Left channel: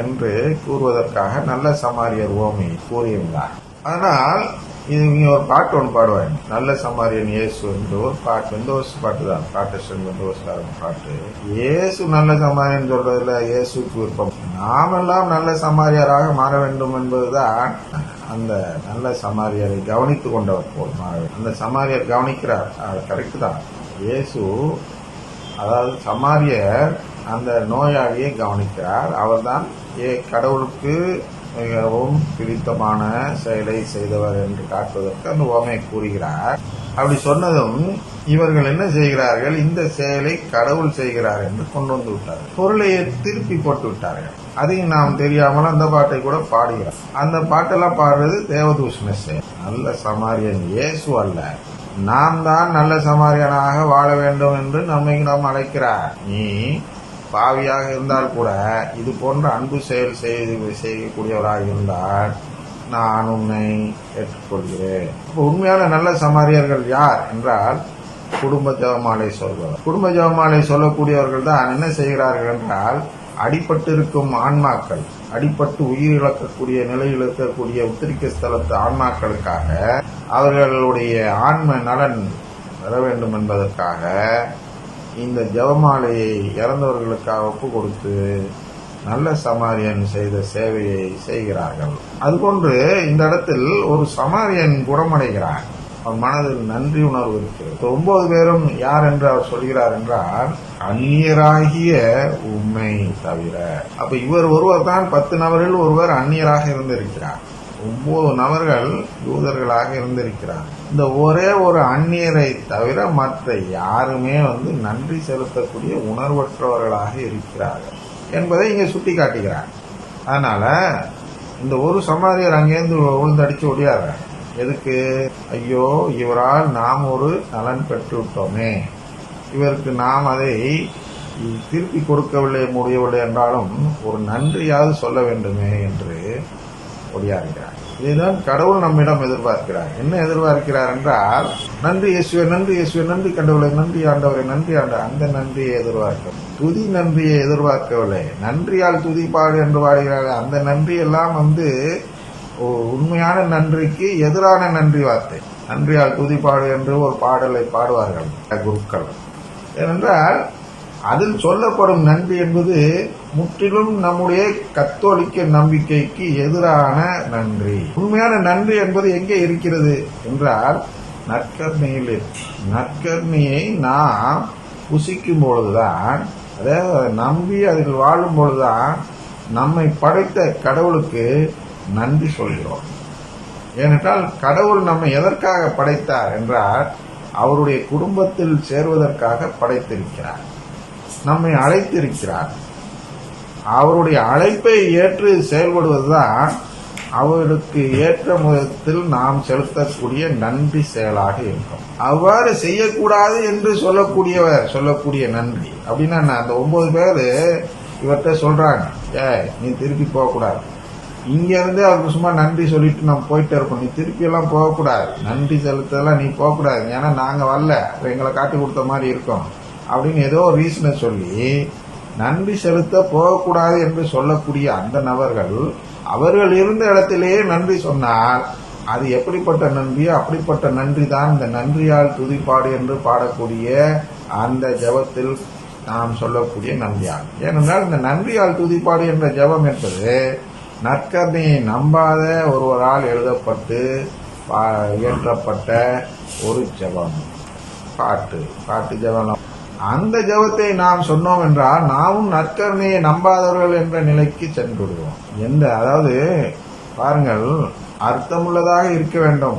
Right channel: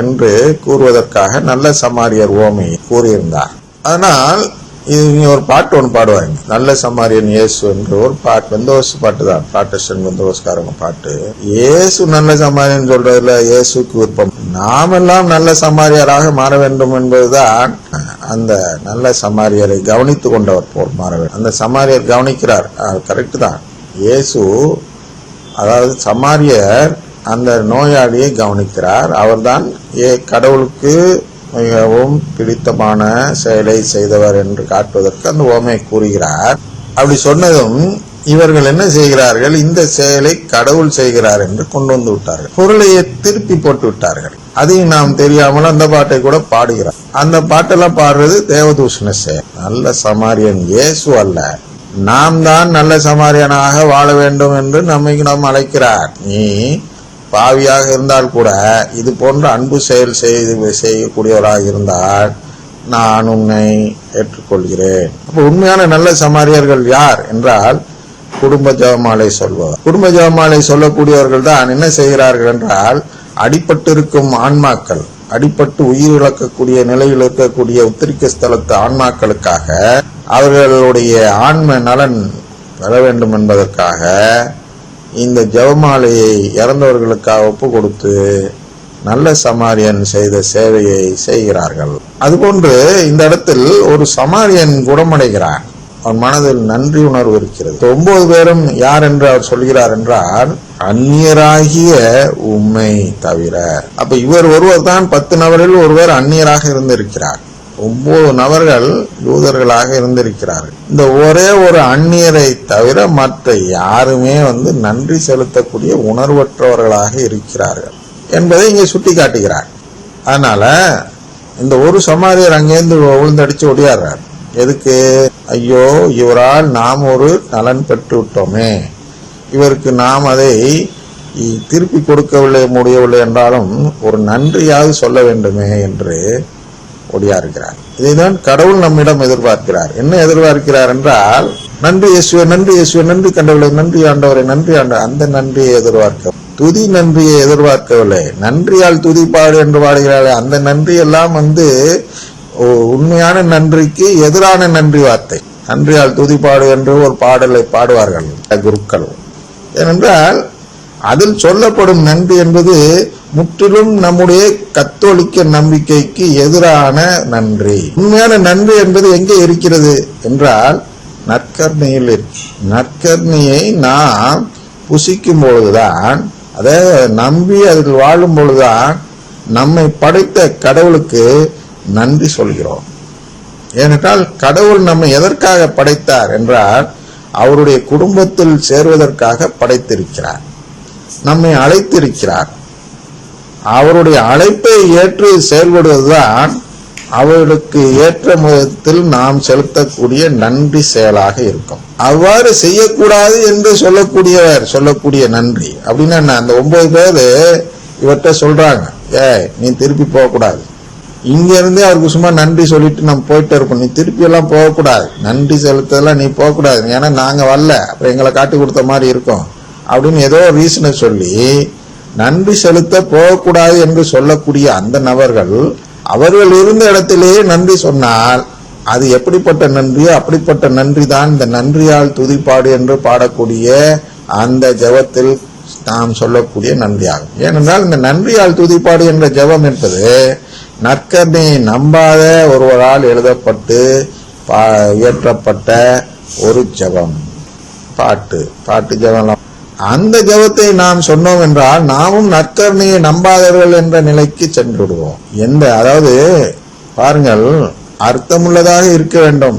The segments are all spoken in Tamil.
என்று கூறுவதற்காக நல்ல சமாரியர் உவமை கூறியிருந்தார். ஆனால் இங்க ஒரு பாட்டு ஒன்று பாடுவாங்க, நல்ல சமாரியன் இயேசு என்று ஒரு பாட்டு, வெந்தோஸ் பாட்டு தான், ப்ராட்டஸ்டன்ட் வெந்தோஸ்காரங்க பாட்டு. இயேசு நல்ல சமாரியன் சொல்றதுல இயேசுக்கு விருப்பம், நாமெல்லாம் நல்ல சமாரியராக மாற வேண்டும் என்பதுதான். அந்த நல்ல சமாரியரை கவனித்து கொண்டவர் போல் மாற வேண்டும். அந்த சமாரியர் கவனிக்கிறார், கரெக்ட் தான். இயேசு அதாவது சமாரியர் அந்த நோயாளியை கவனிக்கிறார். அவர்தான் கடவுளுக்கு மிகவும் பிடித்தமான செயலை செய்தவர் என்று காட்டுவதற்கு அந்த உவமையை கூறுகிறார். அப்படி சொன்னதும் இவர்கள் என்ன செய்கிறார்கள், இந்த செயலை கடவுள் செய்கிறார் என்று கொண்டு வந்து விட்டார்கள், பொருளையை திருப்பி போட்டு விட்டார்கள். அதையும் நாம் தெரியாமல் அந்த பாட்டை கூட பாடுகிறார். அந்த பாட்டெல்லாம் பாடுறது தேவதூஷண செயல். நல்ல சமாரியன் இயேசு அல்ல, நாம் தான் நல்ல சமாரியனாக வாழ வேண்டும் என்று நாம் அழைக்கிறார். நீ பாவியாக இருந்தால் கூட இது போன்ற அன்பு செயல் செய்யக்கூடியவராக இருந்தால் நான் உன்னை ஏற்றுக்கொள்கிறேன். உண்மையான நல்ல சமாரியர்கள் யார் என்றால் குடும்ப ஜெபமாலை சொல்பவர். குடும்ப ஜெபமாலை சொல்லக்கூடியவர்கள் தான் என்ன செய்கிறார்கள் என்றால், அடிபட்டு இருக்கும் ஆன்மாக்கள், அடிபட்டு உயிர் இழக்கக்கூடிய நிலையில் இருக்கக்கூடிய உத்திரிக்க ஸ்தலத்து ஆன்மாக்களுக்காக, அவர்களுடைய ஆன்ம நலன் பெற வேண்டும் என்பதற்காக இந்த ஜெபமாலையை இறந்தவர்களுக்காக ஒப்பு கொடுத்து நல்ல சமாரியன் செய்த சேவையை செய்கிறார்கள். அதுபோன்று இந்த இடத்தில் ஒரு சமாரியன் குணமடைகிறார், அவன் மனதில் நன்றி உணர்வு இருக்கிறது. 9 பேரும் யார் என்று அவர் சொல்கிறார் என்றால், அந்நியராகிய உம்மை தவிர. அப்ப இவர் ஒருவர் தான் 10 நபரில் ஒருவர் அந்நியராக இருந்திருக்கிறார், 9 நபர்கள் யூதர்களாக இருந்திருக்கிறார்கள். இந்த ஒரே ஒரு அந்நியரை தவிர மற்ற யாருமே நன்றி செலுத்தக்கூடிய உணர்வற்றவர்களாக இருக்கிறார்கள் என்பதை இங்கே சுட்டி காட்டுகிறார். அதனால இந்த ஒரு சமாரியர் அங்கேருந்து விழுந்தடிச்சு ஒடியாடுறார். எதுக்கு? ஐயோ, இவரால் நாம் ஒரு நலன் பெற்று விட்டோமே, இவருக்கு நாம் அதை திருப்பி கொடுக்கவில்லை முடியவில்லை என்றாலும் ஒரு நன்றியாவது சொல்ல வேண்டுமே என்று ஒடியாருக்கிறார். இதைதான் கடவுள் நம்மிடம் எதிர்பார்க்கிறார். என்ன எதிர்பார்க்கிறார் என்றால், நன்றி இயேசுவே, நன்றி இயேசுவே, நன்றி கண்டவளை, நன்றி ஆண்டவரை, நன்றி ஆண்டவர். அந்த நன்றியை எதிர்பார்க்க, துதி நன்றியை எதிர்பார்க்கவில்லை. நன்றியால் துதிப்பாடு என்று பாடுகிறாளே, அந்த நன்றி எல்லாம் உண்மையான நன்றிக்கு எதிரான நன்றி வார்த்தை. நன்றியால் துதிப்பாடு என்று ஒரு பாடலை பாடுவார்கள் குருக்கள். ஏனென்றால் அதில் சொல்லப்படும் நன்றி என்பது முற்றிலும் நம்முடைய கத்தோலிக்க நம்பிக்கைக்கு எதிரான நன்றி. உண்மையான நன்றி என்பது எங்கே இருக்கிறது என்றால் நற்கருணையில். நற்கருணையை நாம் புசிக்கும் பொழுதுதான், அதை நம்பி அதில் வாழும் பொழுதுதான் நம்மை படைத்த கடவுளுக்கு நன்றி சொல்கிறோம். ஏனென்றால் கடவுள் நம்மை எதற்காக படைத்தார் என்றால், அவருடைய குடும்பத்தில் சேர்வதற்காக படைத்திருக்கிறார், நம்மை அழைத்திருக்கிறார். அவருடைய அழைப்பை ஏற்று செயல்படுவதுதான் அவர்களுக்கு ஏற்ற விதத்தில் நாம் செலுத்தக்கூடிய நன்றி செயலாக இருக்கும். அவ்வாறு செய்யக்கூடாது என்று சொல்லக்கூடிய நன்றி அப்படின்னா என்ன? அந்த 9 பேர் இவர்கிட்ட சொல்றாங்க, நீ திருப்பி போகக்கூடாது, இங்க இருந்தே அவருக்கு சும்மா நன்றி சொல்லிட்டு நம்ம போயிட்டு இருக்கோம், நீ திருப்பி எல்லாம் போகக்கூடாது, நன்றி செலுத்தலாம் நீ போகக்கூடாது, ஏன்னா நாங்க வரல, அப்புறம் எங்களை காட்டி கொடுத்த மாதிரி இருக்கும் அப்படின்னு ஏதோ ரீசனை சொல்லி நன்றி செலுத்த போகக்கூடாது என்று சொல்லக்கூடிய அந்த நபர்கள் அவர்கள் இருந்த இடத்திலேயே நன்றி சொன்னால் அது எப்படிப்பட்ட நன்றியோ அப்படிப்பட்ட நன்றி தான் இந்த நன்றியால் துதிப்பாடு என்று பாடக்கூடிய அந்த ஜெபத்தில் நாம் சொல்லக்கூடிய நன்றியாகும். ஏனென்றால் இந்த நன்றியால் துதிப்பாடு என்ற ஜெபம் என்பது நற்கருணையை நம்பாத ஒருவரால் எழுதப்பட்டு இயற்றப்பட்ட ஒரு ஜெபம், பாட்டு ஜெபம். அந்த ஜெபத்தை நாம் சொன்னோம் என்றால் நாமும் நற்கருணையை நம்பாதவர்கள் என்ற நிலைக்கு சென்று விடுவோம். அதாவது பாருங்கள், அர்த்தமுள்ளதாக இருக்க வேண்டும்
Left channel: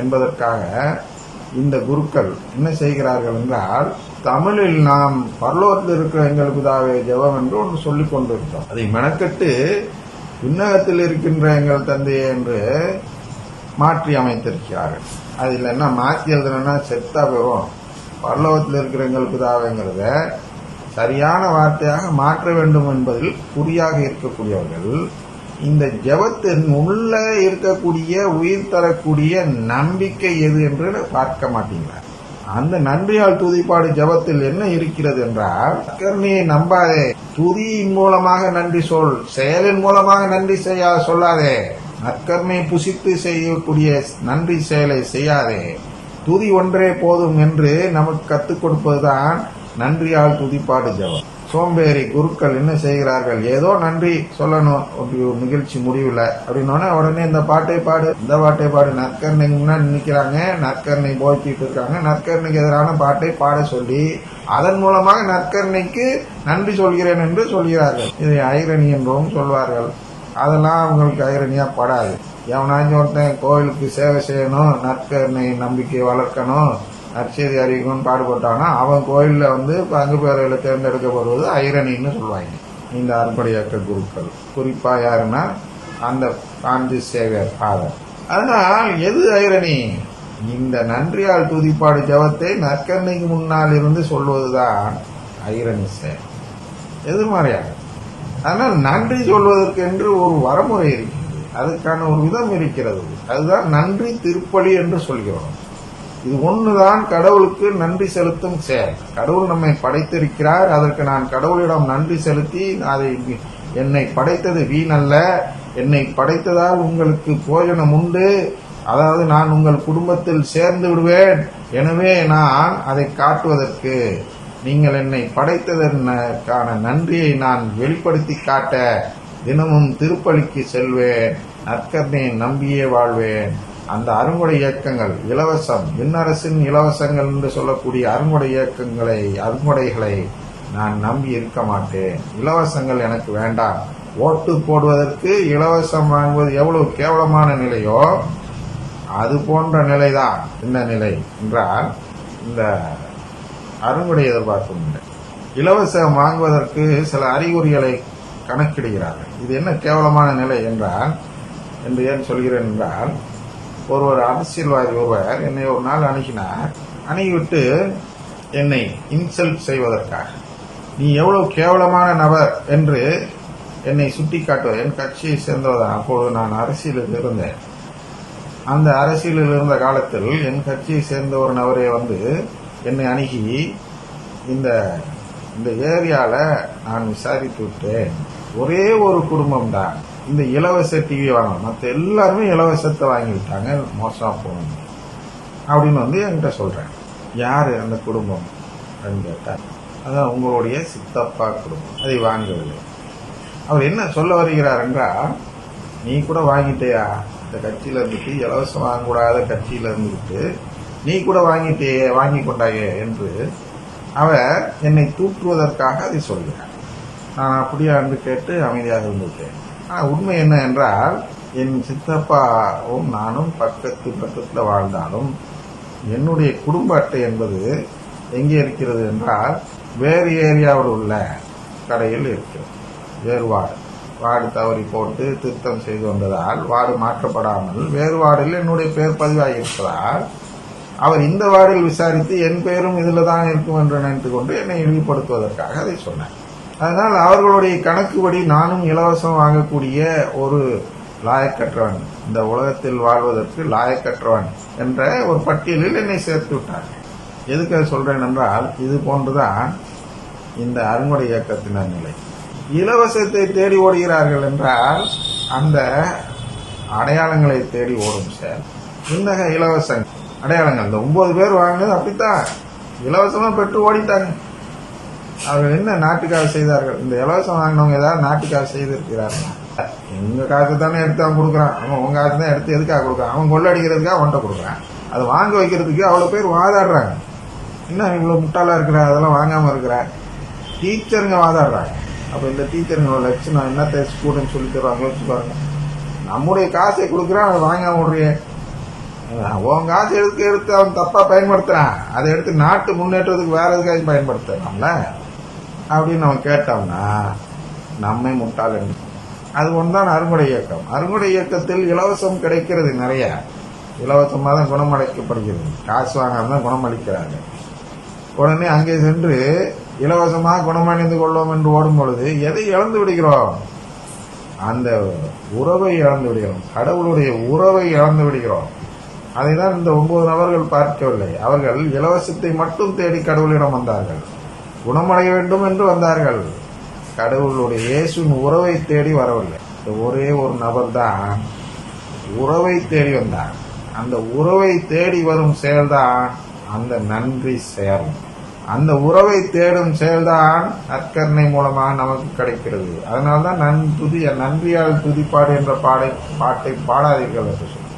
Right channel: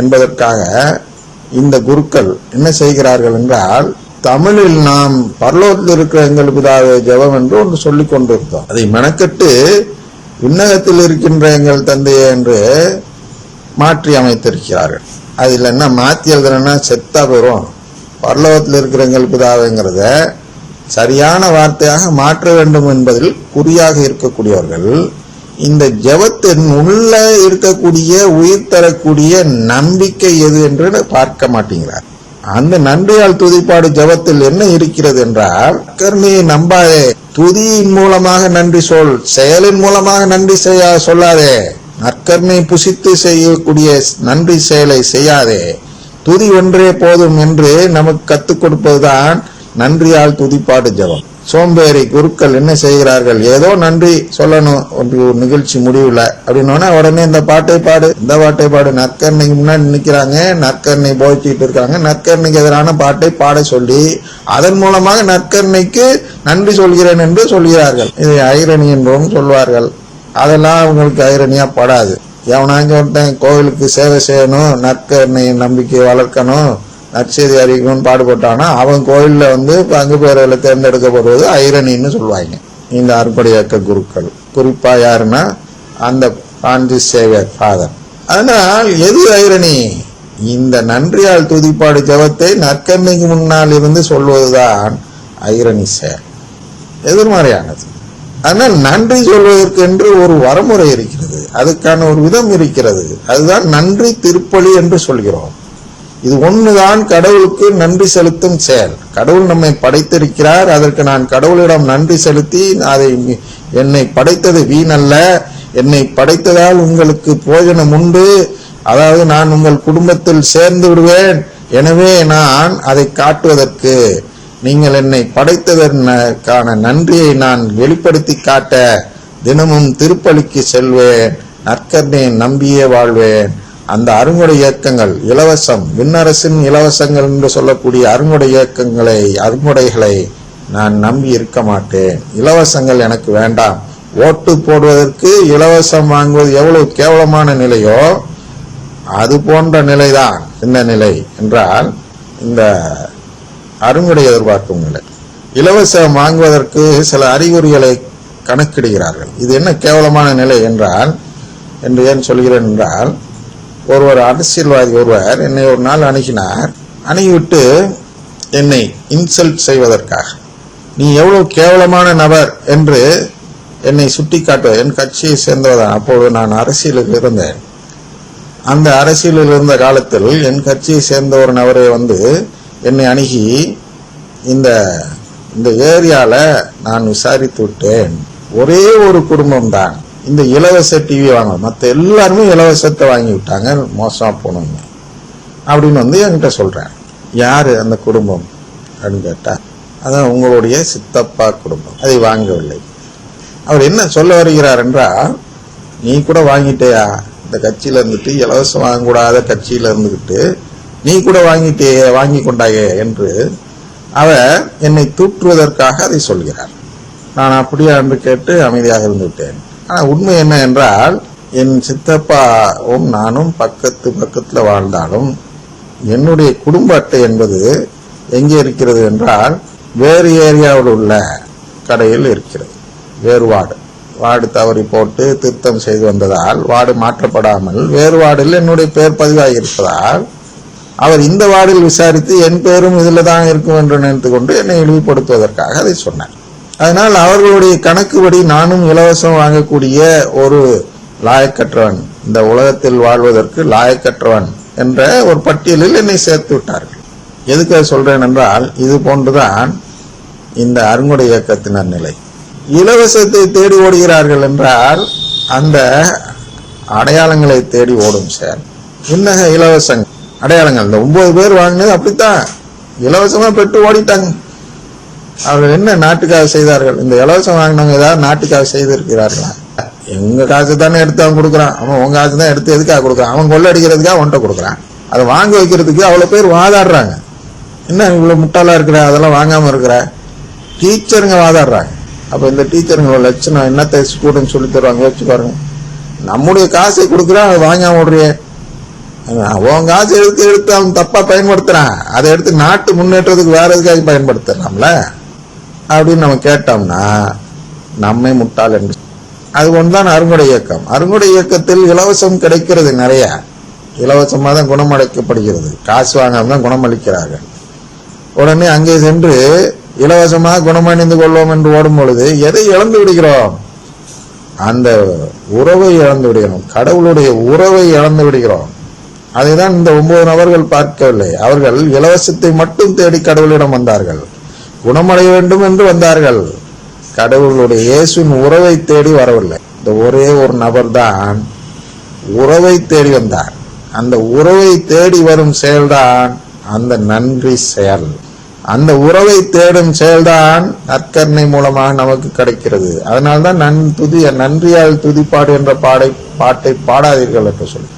என்பதற்காக இந்த குருக்கள் என்ன செய்கிறார்கள் என்றால், தமிழில் நாம் பரலோகத்தில் இருக்கிற எங்கள் பிதாவே ஜெபம் என்று ஒன்று சொல்லிக் கொண்டிருந்தோம். அதை மெனக்கட்டு விண்ணகத்தில் இருக்கின்ற எங்கள் தந்தையே என்று மாற்றி அமைத்திருக்கிறார்கள். அதில் என்ன மாற்றி எழுதுனா செத்தா வரும், பரலோகத்தில் இருக்கிற எங்கள் பிதாவேங்கிறத சரியான வார்த்தையாக மாற்ற வேண்டும் என்பதில் குறியாக இருக்கக்கூடியவர்கள் இந்த ஜெபத்தின் உள்ள இருக்கக்கூடிய உயிர் தரக்கூடிய நம்பிக்கை எது என்று பார்க்க மாட்டேங்கிறார். அந்த நன்றியால் துதிப்பாடு ஜெபத்தில் என்ன இருக்கிறது என்றால், நற்கருணையை நம்பாதே, துதியின் மூலமாக நன்றி சொல், செயலின் மூலமாக நன்றி சொல்லாதே. நற்கருணை புசித்து செய்யக்கூடிய நன்றி செயலை செய்யாதே, துதி ஒன்றே போதும் என்று நமக்கு கத்துக் கொடுப்பதுதான் நன்றியால் துதிப்பாடு ஜெபம். சோம்பேறி குருக்கள் என்ன செய்கிறார்கள், ஏதோ நன்றி சொல்லணும் ஒரு நிகழ்ச்சி முடிவுல அப்படின்னா உடனே இந்த பாட்டை பாடு, இந்த பாட்டை பாடு. நற்கருணைக்கு முன்னாடி நிற்கிறாங்க, நற்கருணை போதிச்சுட்டு இருக்காங்க, நற்கருணைக்கு எதிரான பாட்டை பாட சொல்லி அதன் மூலமாக நற்கருணைக்கு நன்றி சொல்கிறேன் என்று சொல்கிறார்கள். இதை ஐரணி என்றும் சொல்வார்கள். அதெல்லாம் அவங்களுக்கு ஐரணியா படாது. எவனாச்சும் ஒருத்தன் கோவிலுக்கு சேவை செய்யணும், நற்கருணை நம்பிக்கை வளர்க்கணும், நற்செய்தி அறிவிக்கணும்னு பாடுபட்டானா அவன் கோயில்ல பங்கு பெயர்களை தேர்ந்தெடுக்கப்படுவது ஐரணின்னு சொல்லுவாங்க இந்த அறுபடை இயக்க குருக்கள். குறிப்பா யாருன்னா அந்த பிரான்சிஸ் சேவியர் ஃபாதர். அதனால் எது ஐரணி? இந்த நன்றியால் துதிப்பாடு ஜெபத்தை நற்கருணைக்கு முன்னால் இருந்து சொல்வதுதான் ஐரணி செயல், எதிர்மறையானது. ஆனால் நன்றி சொல்வதற்கு என்று ஒரு வரமுறை இருக்கிறது, அதுக்கான ஒரு விதம் இருக்கிறது. அதுதான் நன்றி திருப்பலி என்று சொல்கிறோம். இது ஒண்ணுதான் கடவுளுக்கு நன்றி செலுத்தும் செயல். கடவுள் நம்மை படைத்திருக்கிறார், அதற்கு நான் கடவுளிடம் நன்றி செலுத்தி, அதை என்னை படைத்தது வீணல்ல, என்னை படைத்ததால் உங்களுக்கு போஜனம் உண்டு, அதாவது நான் உங்கள் குடும்பத்தில் சேர்ந்து விடுவேன், எனவே நான் அதை காட்டுவதற்கு, நீங்கள் என்னை படைத்ததற்கான நன்றியை நான் வெளிப்படுத்தி காட்ட தினமும் திருப்பலிக்கு செல்வேன், நற்கருணையை நம்பியே வாழ்வேன். அந்த அருங்குடை இயக்கங்கள் இலவசம், விண்ணரசின் இலவசங்கள் என்று சொல்லக்கூடிய அருங்குடை இயக்கங்களை, அருங்குடைகளை நான் நம்பி இருக்க மாட்டேன். இலவசங்கள் எனக்கு வேண்டாம். ஓட்டு போடுவதற்கு இலவசம் வாங்குவது எவ்வளவு கேவலமான நிலையோ அது போன்ற நிலைதான் இந்த நிலை என்றால் இந்த அருங்குடை எதிர்பார்க்கும் நிலை. இலவசம் வாங்குவதற்கு சில அறிகுறிகளை கணக்கிடுகிறார்கள். இது என்ன கேவலமான நிலை என்றால், என்று ஏன் சொல்கிறேன் என்றால், ஒருவர் அரசியல்வாதி ஒருவர் என்னை ஒரு நாள் அணுகினார். அணுகிவிட்டு என்னை இன்சல்ட் செய்வதற்காக, நீ எவ்வளவு கேவலமான நபர் என்று என்னை சுட்டி காட்ட, என் கட்சியை சேர்ந்தவதான். அப்போது நான் அரசியலில் இருந்தேன். அந்த அரசியலில் இருந்த காலத்தில் என் கட்சியை சேர்ந்த ஒரு நபரை என்னை அணுகி, இந்த ஏரியால நான் விசாரித்து விட்டேன், ஒரே ஒரு குடும்பம் தான் இந்த இலவச டிவி வாங்க, மற்ற எல்லாருமே இலவசத்தை வாங்கி விட்டாங்க, மோசமா போனோம் அப்படின்னு என்கிட்ட சொல்றேன். யாரு அந்த குடும்பம் அப்படின்னு கேட்டா, அதான் உங்களுடைய சித்தப்பா குடும்பம் அதை வாங்கவில்லை. அவர் என்ன சொல்ல வருகிறார் என்றால், நீ கூட வாங்கிட்டேயா, இந்த கட்சியில இருந்துட்டு இலவசம் வாங்கக்கூடாத கட்சியில இருந்துகிட்டு நீ கூட வாங்கி கொண்டாயே என்று அவர் என்னை தூற்றுவதற்காக அதை சொல்கிறார். நான் அப்படியா என்று கேட்டு அமைதியாக இருந்து விட்டேன். ஆனால் உண்மை என்ன என்றால், என் சித்தப்பாவும் நானும் பக்கத்துல வாழ்ந்தாலும் என்னுடைய குடும்ப அட்டை என்பது எங்கே இருக்கிறது என்றால், வேறு ஏரியாவில் உள்ள கடையில் இருக்கிறது. வேறு வார்டு தவறி போட்டு திருத்தம் செய்து வந்ததால் வார்டு மாற்றப்படாமல் வேறு வார்டில் என்னுடைய பெயர் பதிவாகி இருப்பதால் அவர் இந்த வார்டில் விசாரித்து என் பெயரும் இதுல தான் இருக்கும் என்று நினைத்து கொண்டு என்னை இழிவுபடுத்துவதற்காக அதை சொன்னார். அதனால் அவர்களுடைய கணக்குப்படி நானும் இலவசம் வாங்கக்கூடிய ஒரு லாயக்கற்றவன், இந்த உலகத்தில் வாழ்வதற்கு லாயக்கற்றவன் என்ற ஒரு பட்டியலில் என்னை சேர்த்து விட்டார்கள். எதுக்கு சொல்றேன் என்றால், இது போன்றுதான் இந்த அருங்குடை இயக்கத்தினர் நிலை. இலவசத்தை தேடி ஓடுகிறார்கள் என்றால் அந்த அடையாளங்களை தேடி ஓடும் செயல். இன்னக இலவச அடையாளங்கள், இந்த 9 பேர் வாங்கினது அப்படித்தான் இலவசமா பெற்று ஓடிட்டாங்க. அவர் என்ன நாட்டுக்காக செய்தார்கள்? இந்த இலவசம் வாங்கினவங்க ஏதாவது நாட்டுக்காக செய்திருக்கிறார்களா? எங்க காசு தானே எடுத்து அவன் கொடுக்குறான், அவன் உங்க காசு தான் எடுத்து எதுக்காக கொடுக்குறான்? அவன் கொள்ளடிக்கிறதுக்காக அவன்கிட்ட கொடுக்குறான். அதை வாங்க வைக்கிறதுக்கு அவ்வளவு பேர் வாதாடுறாங்க. என்ன இவ்வளவு முட்டாளா இருக்கிற, அதெல்லாம் வாங்காம இருக்கிற டீச்சருங்க வாதாடுறாங்க. அப்ப இந்த டீச்சருங்க லட்சணம் என்னத்தை ஸ்டூடெண்ட் சொல்லி தருவாங்க யோசிச்சு பாருங்க. நம்முடைய காசை கொடுக்குறான், அவன் வாங்காம விடுறேன். அவன் காசு எடுத்து அவன் தப்பா பயன்படுத்துறான், அதை எடுத்து நாட்டு முன்னேற்றத்துக்கு வேற எதுக்காக பயன்படுத்தலாம்ல அப்படின்னு நம்ம கேட்டோம்னா நம்மை முட்டாள் என்று. அது ஒன்றுதான் அருங்குடை இயக்கம். அருங்குடை இயக்கத்தில் இலவசம் கிடைக்கிறது, நிறைய இலவசமாக தான் குணமளிக்கப்படுகிறது, காசு வாங்காம தான் குணமளிக்கிறார்கள். உடனே அங்கே சென்று இலவசமாக குணமடைந்து கொள்வோம் என்று ஓடும் பொழுது எதை இழந்து விடுகிறோம்? அந்த உறவை இழந்து விடுகிறோம், கடவுளுடைய உறவை இழந்து விடுகிறோம். அதைதான் இந்த 9 நபர்கள் பார்க்கவில்லை. அவர்கள் இலவசத்தை மட்டும் தேடி கடவுளிடம் வந்தார்கள். குணமடைய வேண்டும் என்று வந்தார்கள். கடவுளுடைய இயேசுவின் உறவை தேடி வரவில்லை. இந்த ஒரே ஒரு நபர் தான் உறவை தேடி வந்தார். அந்த உறவை தேடி வரும் செயல்தான் அந்த நன்றி செயல். அந்த உறவை தேடும் செயல்தான் நற்கருணை மூலமாக நமக்கு கிடைக்கிறது. அதனால்தான் நன்றியால் துதிப்பாடு என்ற பாட்டை பாடாதீர்கள் என்று சொல்லி,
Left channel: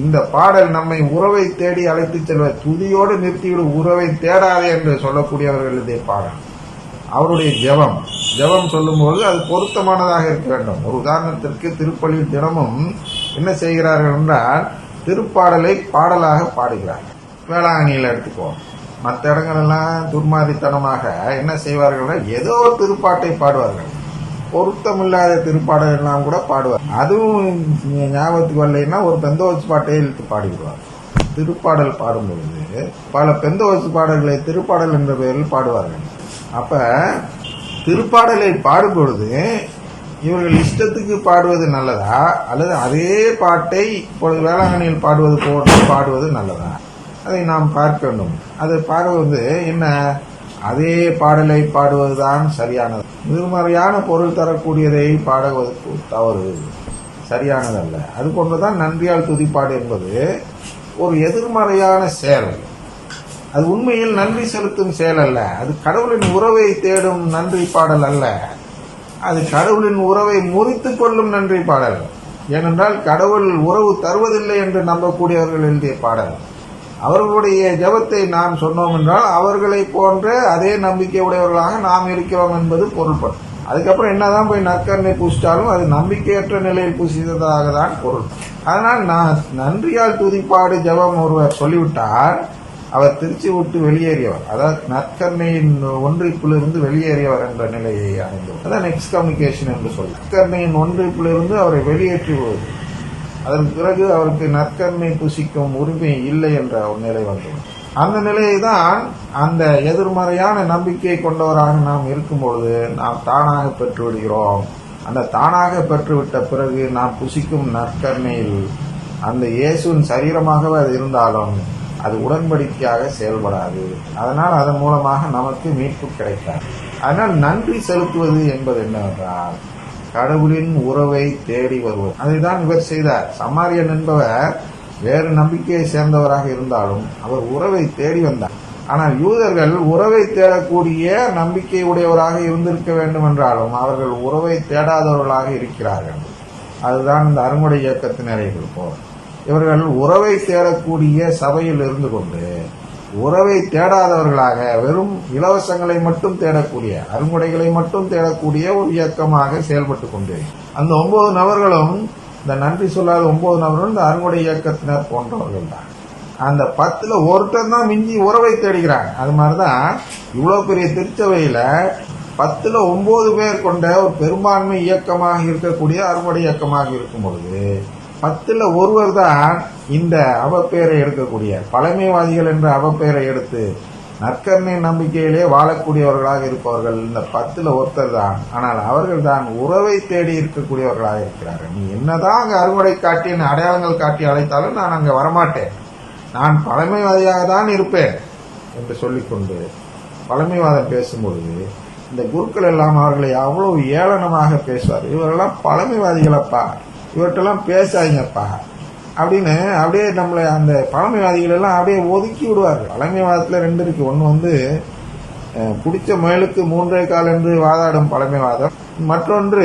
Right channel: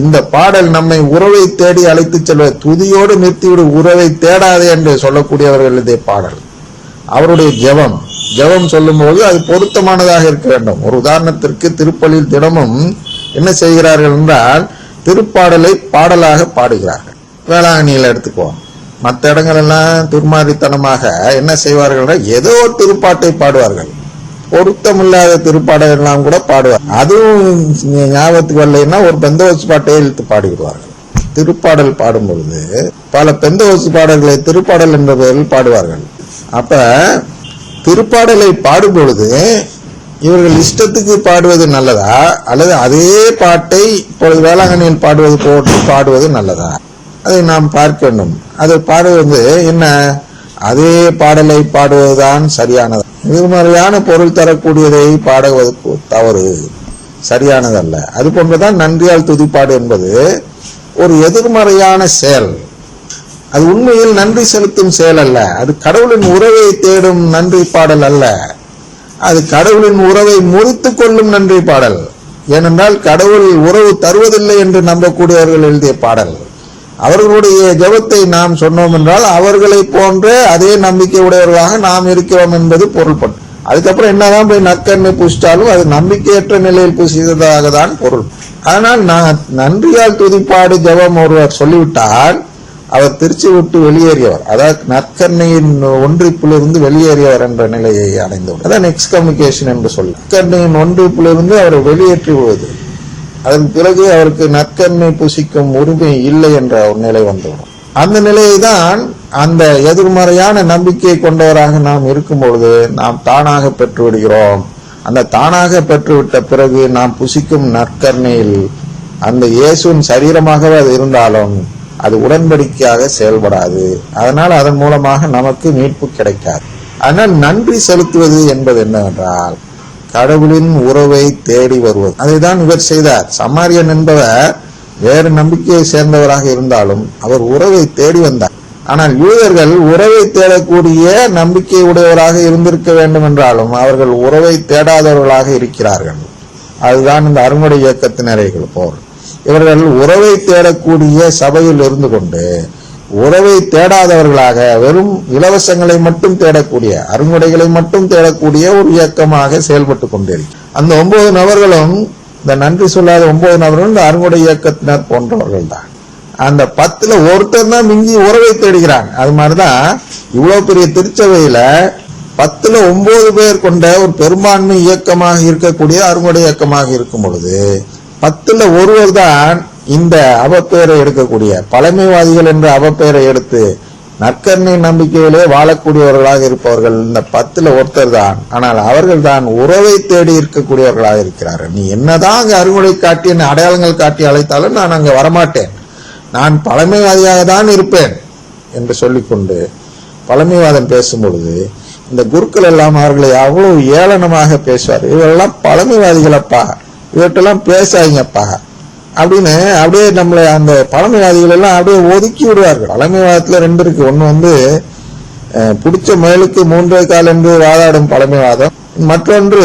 இந்த பாடல் நம்மை உறவை தேடி அழைத்து செல்வ, துதியோடு நிறுத்திவிடு, உறவை தேடாதே என்று சொல்லக்கூடியவர்கள் இதே பாடல். அவருடைய ஜெபம் சொல்லும்போது அது பொருத்தமானதாக இருக்க வேண்டும். ஒரு உதாரணத்திற்கு திருப்பலியில் தினமும் என்ன செய்கிறார்கள் என்றால் திருப்பாடலை பாடலாக பாடுகிறார்கள். வேளாங்கண்ணியில் எடுத்துக்குவோம். மற்ற இடங்கள் எல்லாம் துர்மாதித்தனமாக என்ன செய்வார்கள், ஏதோ திருப்பாட்டை பாடுவார்கள். பொருத்தமில்லாத திருப்பாடல் எல்லாம் கூட பாடுவார். அதுவும் ஞாபகத்துக்கு வரலைன்னா ஒரு பெந்தோஸ் பாட்டையே இழுத்து பாடிவிடுவார்கள். திருப்பாடல் பாடும்பொழுது பல பெந்தோஸ் பாடல்களை திருப்பாடல் என்ற பெயரில் பாடுவார்கள். அப்ப திருப்பாடலை பாடும் பொழுது இவர்கள் இஷ்டத்துக்கு பாடுவது நல்லதா, அல்லது அதே பாட்டை இப்பொழுது வேளாங்கண்ணியில் பாடுவது போட்டு பாடுவது நல்லதா, அதை நாம் பார்க்க வேண்டும். அதை பாடுவது என்ன, அதே பாடலை பாடுவதுதான் சரியானது. எதிர்மறையான பொருள் தரக்கூடியதை பாடுவது தவறு, சரியானதல்ல. அது போன்றுதான் நன்றியால் துதிப்பாடு என்பது ஒரு எதிர்மறையான செயல். அது உண்மையில் நன்றி செலுத்தும் செயல் அல்ல. அது கடவுளின் உறவை தேடும் நன்றி பாடல் அல்ல. அது கடவுளின் உறவை முறித்து கொள்ளும் நன்றி பாடல். ஏனென்றால் கடவுள் உறவு தருவதில்லை என்று நம்பக்கூடியவர்கள் எழுதிய பாடல். அவர்களுடைய ஜெபத்தை நாம் சொன்னோம் என்றால் அவர்களை போன்ற அதே நம்பிக்கை உடையவர்களாக நாம் இருக்கிறோம் என்பது பொருள்படும். அதுக்கப்புறம் என்னதான் போய் நற்கருணை பூசிட்டாலும் அது நம்பிக்கையற்ற நிலையில் பூசியதாக தான் பொருள். அதனால் நன்றியால் துதிப்பாடு ஜெபம் ஒருவர் சொல்லிவிட்டால் அவர் திருச்சி விட்டு வெளியேறியவர், அதாவது நற்கருணையின் ஒன்றிப்பிலிருந்து வெளியேறியவர் என்ற நிலையை அடைந்தவர். அதான் எக்ஸ்கம்யூனிகேஷன் என்று சொல்ல. நற்கருணையின் ஒன்றிப்பிலிருந்து அவரை வெளியேற்றி விடுவது. அதன் பிறகு அவருக்கு நற்கருணை புசிக்கும் உரிமை இல்லை என்ற ஒரு நிலை வந்தது. அந்த நிலையை தான் அந்த எதிர்மறையான நம்பிக்கை கொண்டவராக நாம் இருக்கும் பொழுது நாம் தானாக பெற்று விடுகிறோம். அந்த தானாக பெற்றுவிட்ட பிறகு நாம் புசிக்கும் நற்கருணையில் அந்த இயேசுவின் சரீரமாகவே அது இருந்தாலும் அது உடன்படிக்கையாக செயல்படாது. அதனால் அதன் மூலமாக நமக்கு மீட்பு கிடைக்காது. ஆனால் நன்றி செலுத்துவது என்பது என்னவென்றால் கடவுளின் உறவை தேடி வருவது. அதைதான் இவர் செய்தார். சமாரியன் என்பவர் வேறு நம்பிக்கையை சேர்ந்தவராக இருந்தாலும் அவர் உறவை தேடி வந்தார். ஆனால் யூதர்கள் உறவை தேடக்கூடிய நம்பிக்கை உடையவராக இருந்திருக்க வேண்டும் என்றாலும் அவர்கள் உறவை தேடாதவர்களாக இருக்கிறார்கள். அதுதான் இந்த அருங்குடை இயக்கத்தினர்கள் போல். இவர்கள் உறவை தேடக்கூடிய சபையில் இருந்து கொண்டு உறவை தேடாதவர்களாக வெறும் இலவசங்களை மட்டும் தேடக்கூடிய, அருங்குடைகளை மட்டும் தேடக்கூடிய ஒரு இயக்கமாக செயல்பட்டு கொண்டிருக்கு. அந்த 9 நபர்களும், இந்த நன்றி சொல்லாத 9 நபர்களும் இந்த அருங்குடை இயக்கத்தினர் போன்றவர்கள் தான். அந்த 10ல் ஒருத்தர் தான் மிஞ்சி உறவை தேடுகிறாங்க. அது மாதிரிதான் இவ்வளவு பெரிய திருச்சபையில 10ல் 9 பேர் கொண்ட ஒரு பெரும்பான்மை இயக்கமாக இருக்கக்கூடிய அருங்குடை இயக்கமாக இருக்கும் பொழுது 10ல் ஒருவர் தான் இந்த அவப்பெயரை எடுக்கக்கூடிய, பழமைவாதிகள் என்ற அவப்பெயரை எடுத்து நற்கருணை நம்பிக்கையிலே வாழக்கூடியவர்களாக இருப்பவர்கள் இந்த 10ல் ஒருத்தர் தான். ஆனால் அவர்கள் தான் உறவை தேடி இருக்கக்கூடியவர்களாக இருக்கிறார்கள். நீ என்னதான் அங்க அருங்குடை காட்டி அடையாளங்கள் காட்டி அழைத்தாலும் நான் அங்க வரமாட்டேன், நான் பழமைவாதியாக தான் இருப்பேன் என்று சொல்லிக்கொண்டு பழமைவாதம் பேசும்பொழுது இந்த குருக்கள் எல்லாம் அவர்களை அவ்வளவு ஏளனமாக பேசுவார். இவரெல்லாம் பழமைவாதிகளப்பா, இவற்றெல்லாம் பேசாதீங்கப்பா அப்படின்னு அப்படியே நம்மளை அந்த பழமைவாதிகள் எல்லாம் அப்படியே ஒதுக்கி விடுவார்கள். பழமைவாதத்துல 2 இருக்கு. ஒண்ணு பிடிச்ச மேலுக்கு 3 கால் என்று வாதாடும் பழமைவாதம், மற்றொன்று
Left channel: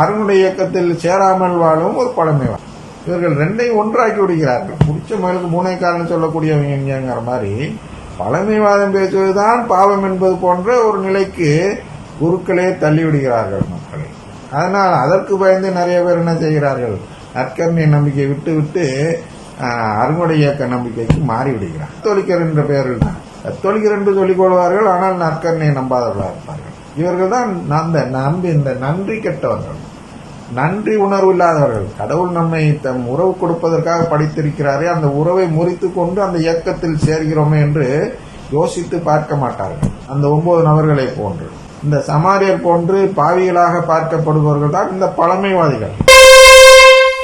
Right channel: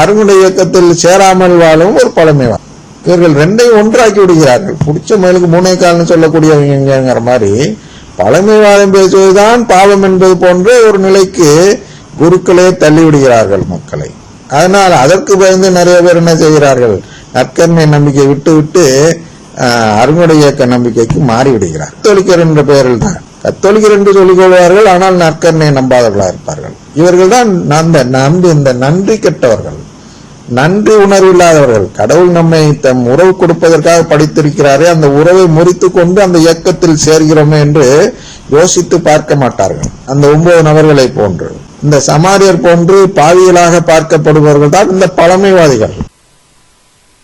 அருங்குடை இயக்கத்தில் சேராமல் வாழும் ஒரு பழமைவாதம். இவர்கள் 2ஐயும் ஒன்றாக்கி விடுகிறார்கள். பிடிச்ச மேலுக்கு 3 கால்னு சொல்லக்கூடியவங்கிற மாதிரி பழமைவாதம் பேசுவதுதான் பாவம் என்பது போன்ற ஒரு நிலைக்கு குருக்களே தள்ளிவிடுகிறார்கள் மக்களை. அதனால் அதற்கு பயந்து நிறைய பேர் என்ன செய்கிறார்கள், நற்கருணை நம்பிக்கை விட்டு அருங்குடை இயக்க நம்பிக்கைக்கு மாறிவிடுகிறார். கத்தோலிக்கர் என்ற பெயரில் தான் கத்தோலிக்கர் என்று சொல்லிக் கொள்வார்கள், ஆனால் நற்கருணை நம்பாதவர்களாக இருப்பார்கள். இவர்கள் தான் இந்த நன்றி கெட்டவர்கள், நன்றி உணர்வு இல்லாதவர்கள். கடவுள் நம்மை தம் உறவு கொடுப்பதற்காக படித்திருக்கிறாரே, அந்த உறவை முறித்து கொண்டு அந்த இயக்கத்தில் சேர்கிறோமே என்று யோசித்து பார்க்க மாட்டார்கள். அந்த 9 நபர்களை போன்று, இந்த சமாரியர் போன்று பாவியலாக பார்க்கப்படுபவர்கள் தான் இந்த பழமைவாதிகள்.